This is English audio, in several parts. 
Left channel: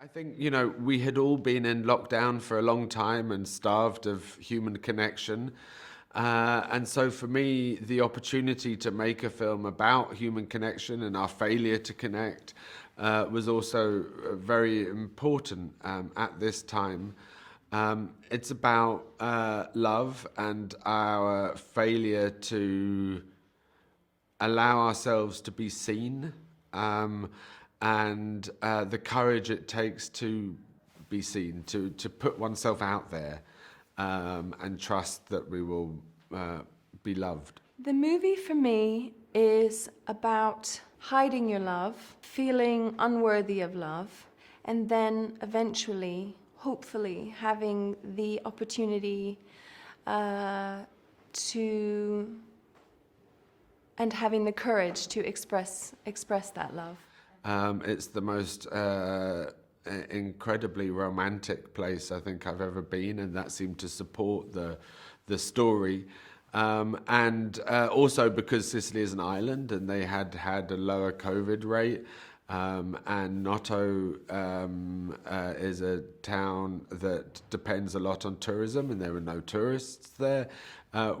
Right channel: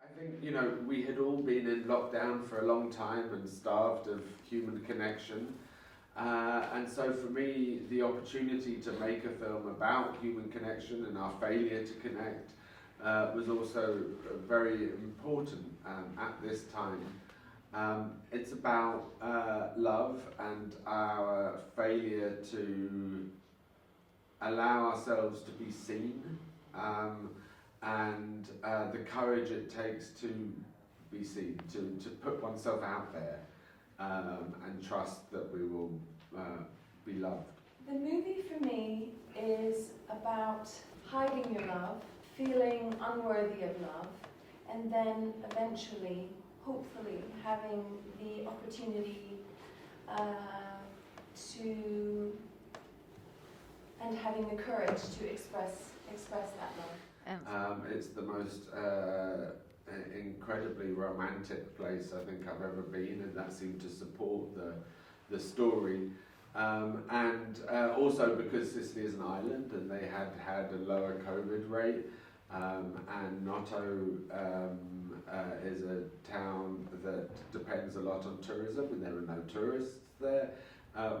I think, we had all been in lockdown for a long time and starved of human connection. And so for me, the opportunity to make a film about human connection and our failure to connect was also very important at this time. It's about love and our failure to allow ourselves to be seen, and the courage it takes to be seen, to put oneself out there, and trust that we will be loved. The movie for me is about hiding your love, feeling unworthy of love, and then eventually, hopefully, having the opportunity and having the courage to express that love. It's the most incredibly romantic place I think I've ever been, and that seemed to support the story. And also because Sicily is an island and they had a lower COVID rate, and Noto is a town that depends a lot on tourism, and there are no tourists there.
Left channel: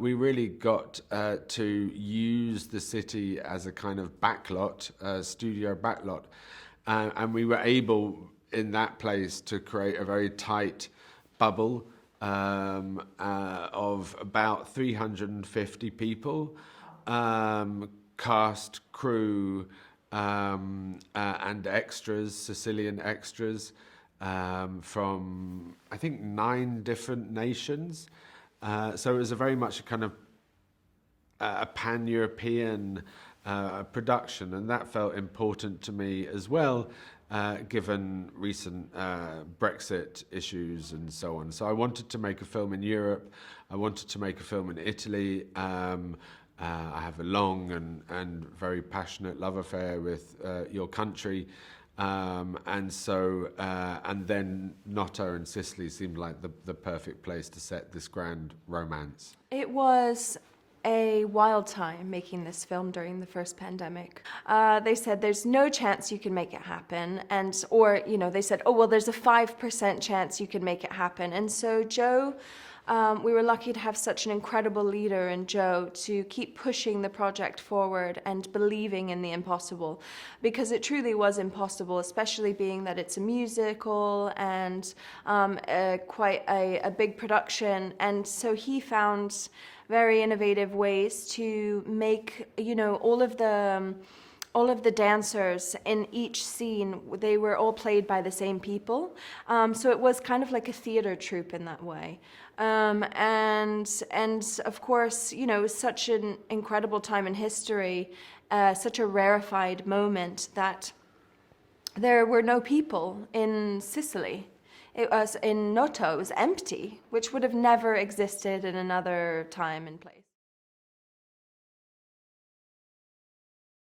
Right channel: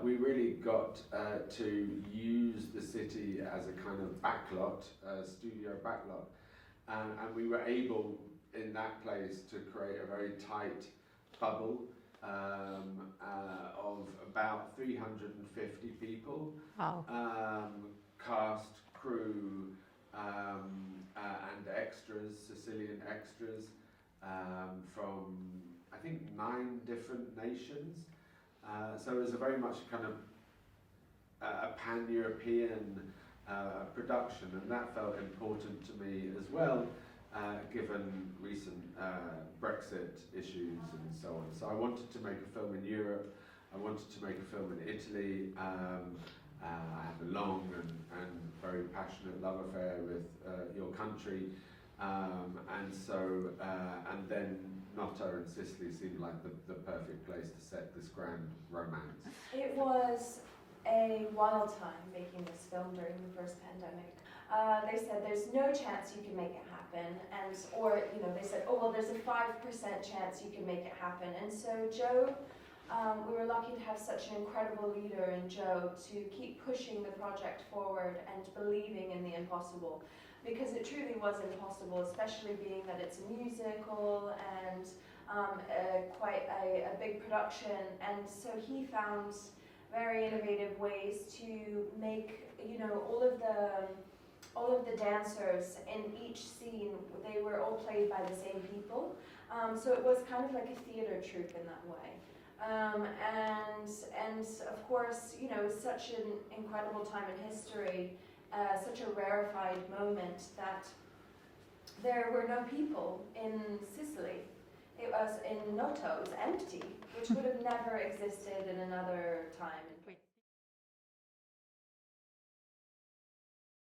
We really got to use the city as a kind of backlot, studio backlot, and we were able in that place to create a very tight bubble of about 350 people. Wow. Cast, crew, and extras, Sicilian extras, from I think 9 different nations. So it was a very much a kind of a pan-European production, and that felt important to me as well, given recent Brexit issues and so on. So I wanted to make a film in Europe. I wanted to make a film in Italy. I have a long and very passionate love affair with your country. And so, and then Noto and Sicily seemed like the perfect place to set this grand romance. It was a wild time making this film during the first pandemic. They said there's no chance you can make it happen, or they said, oh well, there's a 5% chance you can make it happen. And so Joe, we were lucky to have such an incredible leader in Joe to keep pushing the project forward and believing in the impossible, because it truly was impossible, especially being that it's a musical and quite a big production. And so he found very innovative ways to make, all of the dancers in each scene, they were all played by the same people. So it was kind of like a theater troupe in that way. And of course, such an incredible time in history, such a rarefied moment that there were no people in Sicily. It was in Noto, it was empty, which would have never existed in another time and place.